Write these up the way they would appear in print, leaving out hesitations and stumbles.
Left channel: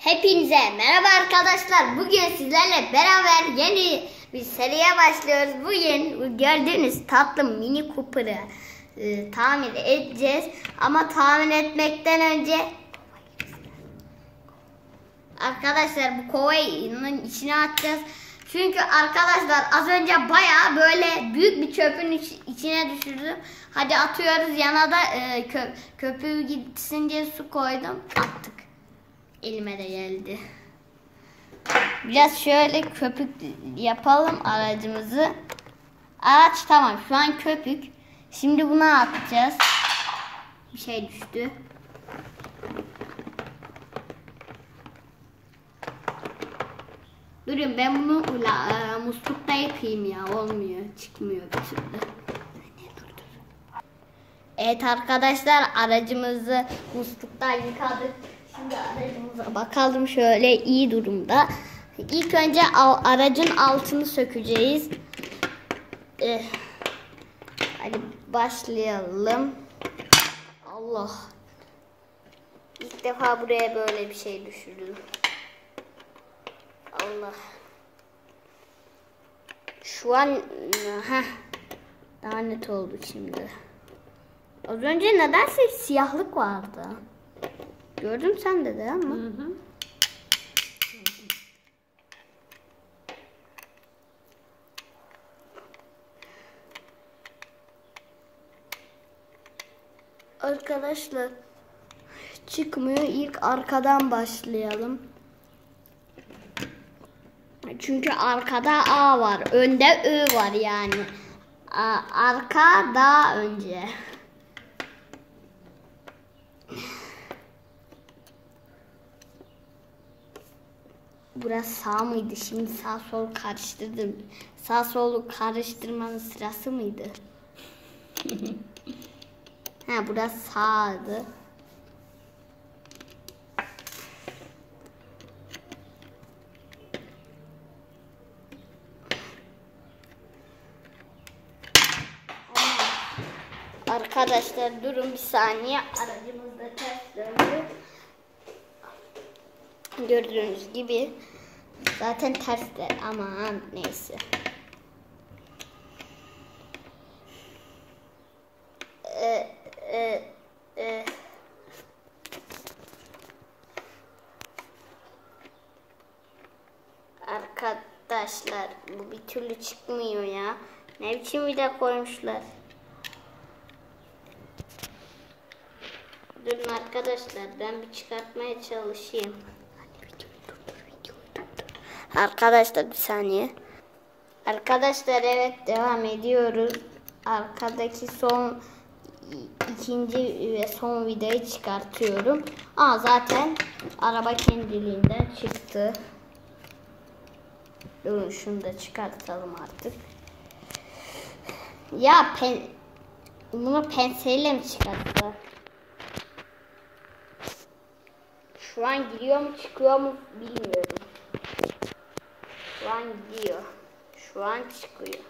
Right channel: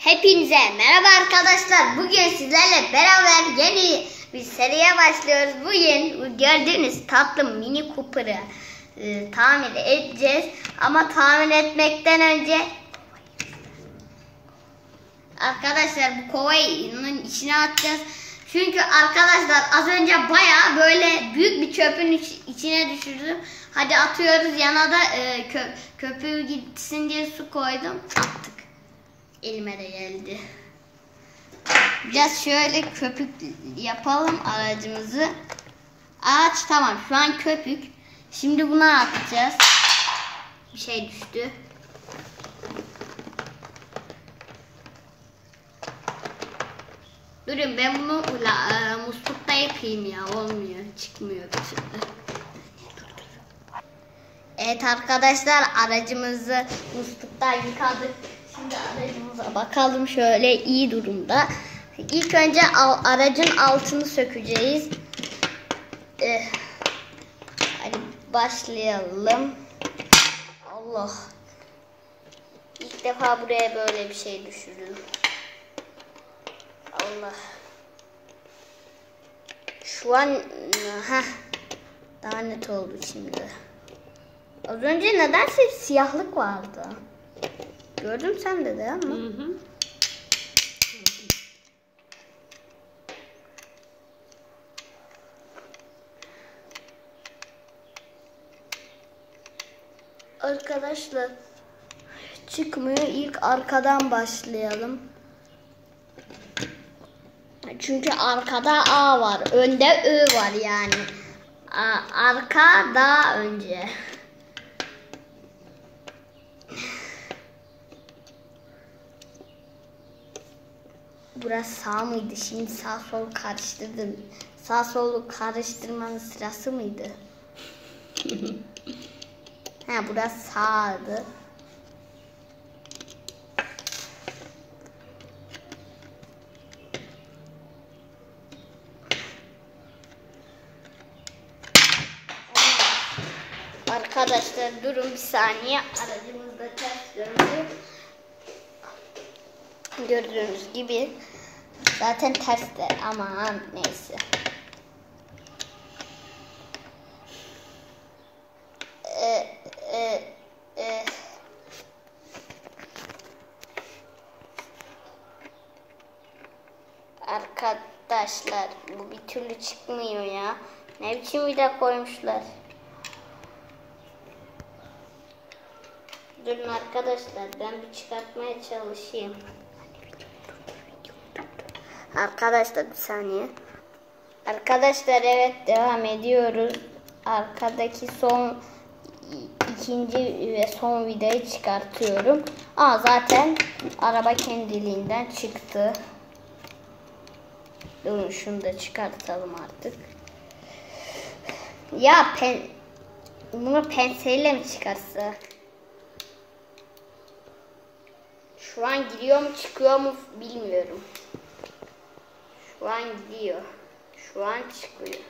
Hepinize merhaba arkadaşlar. Bugün sizlerle beraber yeni bir seriye başlıyoruz. Bugün gördüğünüz tatlı Mini Cooper'ı tamir edeceğiz. Ama tamir etmekten önce arkadaşlar bu kovanın içine atacağız. Çünkü arkadaşlar az önce bayağı böyle büyük bir çöpün içine düşürdüm. Hadi atıyoruz, yana da köpüğü gitsin diye su koydum. Attık. Elime de geldi. Biraz şöyle köpük yapalım aracımızı. Araç tamam, şu an köpük. Şimdi buna atacağız. Bir şey düştü. Durun, ben bunu muslukta yapayım ya, olmuyor, çıkmıyor bir türlü. Evet arkadaşlar, aracımızı musluktan yıkadık. Şimdi aracımıza bakalım, şöyle iyi durumda. İlk önce aracın altını sökeceğiz. Hadi başlayalım. Allah. İlk defa buraya böyle bir şey düşürdüm. Allah. Şu an daha net oldu şimdi. Az önce nedense siyahlık vardı. Gördüm sen de değil mi? Hı. Arkadaşlar çıkmıyor. İlk arkadan başlayalım. Çünkü arkada A var. Önde Ö var yani. Arka daha önce. Burası sağ mıydı? Şimdi sağ sol karıştırdım. Sağ solu karıştırmanın sırası mıydı? Burası sağdı. Arkadaşlar durun bir saniye. Aracımız da ters döndü. Gördüğünüz gibi zaten ters de, aman neyse. Arkadaşlar bu bir türlü çıkmıyor ya. Ne biçim vida koymuşlar. Durun arkadaşlar, ben bir çıkartmaya çalışayım. Arkadaşlar bir saniye. Arkadaşlar evet, devam ediyoruz. Arkadaki ikinci ve son vidayı çıkartıyorum. Zaten araba kendiliğinden çıktı. Durun şunu da çıkartalım artık. Ya bunu penseyle mi çıkarsa? Şu an giriyor mu çıkıyor mu bilmiyorum. Şu an gidiyor. Şu an çıkıyor.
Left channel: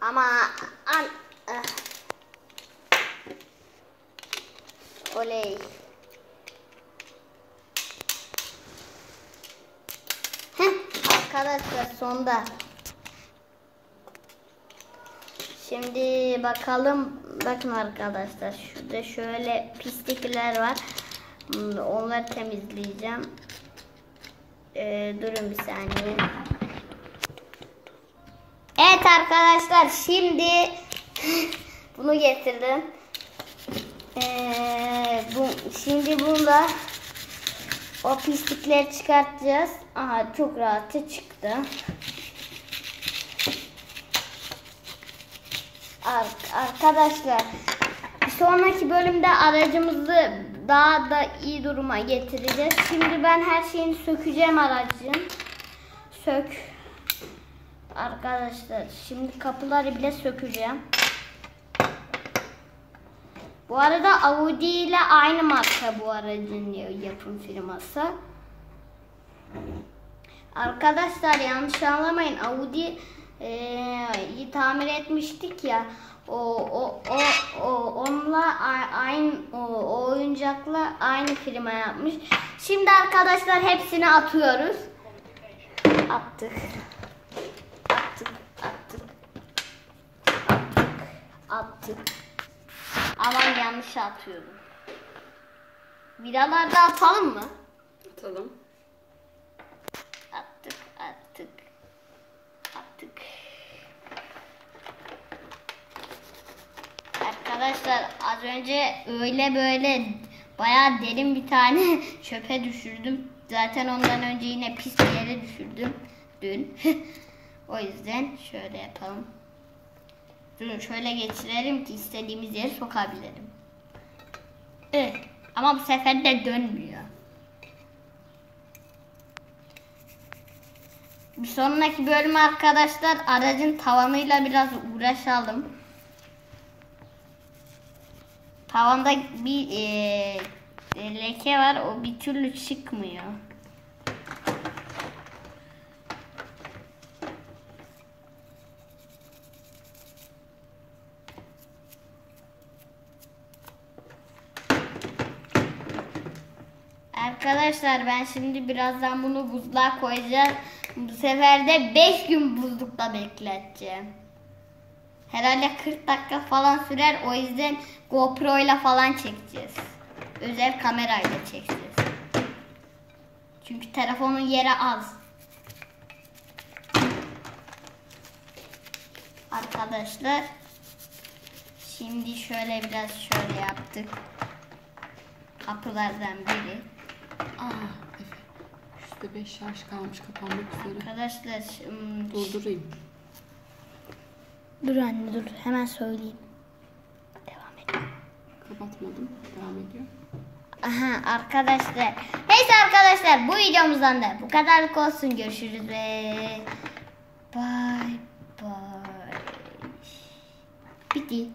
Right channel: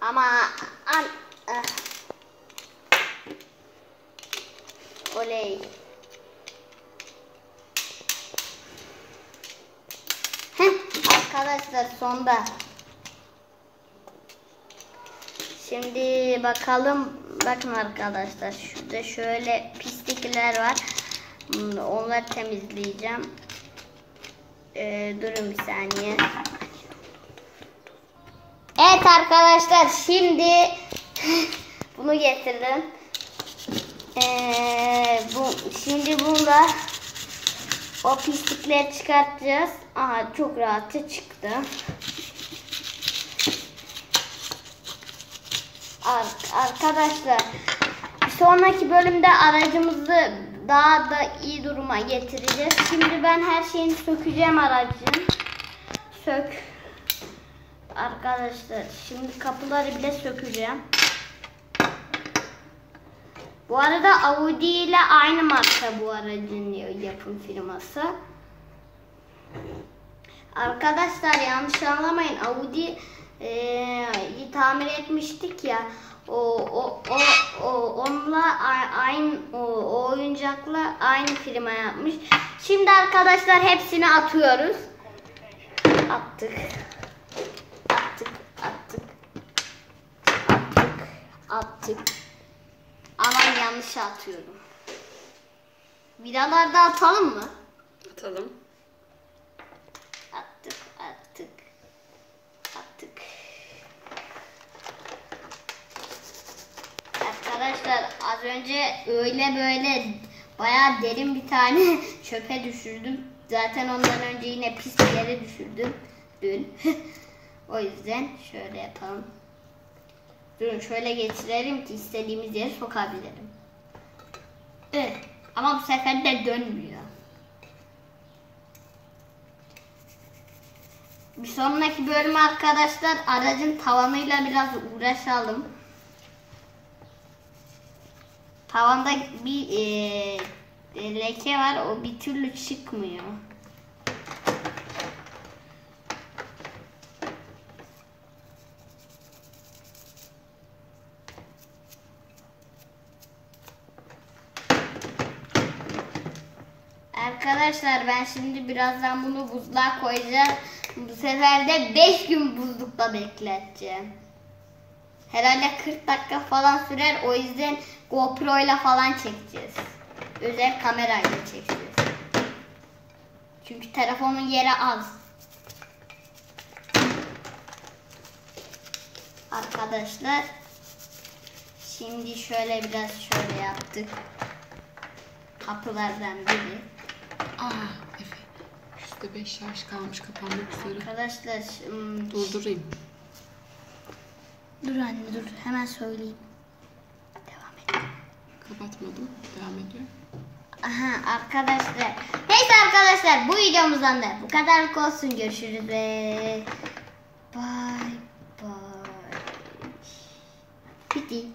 Ama oley. Arkadaşlar sonda. Şimdi bakalım. Bakın arkadaşlar, şurada şöyle pislikler var. Onları temizleyeceğim. Durun bir saniye. Evet arkadaşlar, şimdi bunu getirdim. Şimdi bunda o pislikleri çıkartacağız. Çok rahatça çıktı. Arkadaşlar bir sonraki bölümde aracımızı daha da iyi duruma getireceğiz. Şimdi ben her şeyini sökeceğim aracın. Arkadaşlar şimdi kapıları bile sökeceğim. Bu arada Audi ile aynı marka bu aracın yapım firması. Arkadaşlar yanlış anlamayın, Audi'yi tamir etmiştik ya. onunla aynı o oyuncakla aynı klima yapmış. Şimdi arkadaşlar hepsini atıyoruz. Attık. Ama yanlış atıyorum. Vidalarda atalım mı? Atalım. Attık. Arkadaşlar az önce öyle böyle bayağı derin bir tane çöpe düşürdüm. Zaten ondan önce yine pis bir yere düşürdüm dün. O yüzden şöyle yapalım. Durun şöyle geçirelim ki istediğimiz yere sokabilirim. Evet. Ama bu sefer de dönmüyor. Bir sonraki bölüm arkadaşlar aracın tavanıyla biraz uğraşalım. Tavanda bir leke var, o bir türlü çıkmıyor. Arkadaşlar ben şimdi birazdan bunu buzluğa koyacağım. Bu sefer de 5 gün buzlukta bekleteceğim. Herhalde 40 dakika falan sürer. O yüzden GoPro ile falan çekeceğiz. Özel kamerayla çekeceğiz. Çünkü telefonun yeri az. Arkadaşlar şimdi şöyle biraz şöyle yaptık. Kapılardan biri. Efe. %5 şarj kalmış, kapanmak üzere. Arkadaşlar Durdurayım. dur anne dur hemen söyleyeyim. Devam et. Kapatmadım. Devam ediyor. Aha arkadaşlar. Neyse arkadaşlar bu videomuzdan da bu kadarlık olsun. Görüşürüz ve bye bye. Bitti.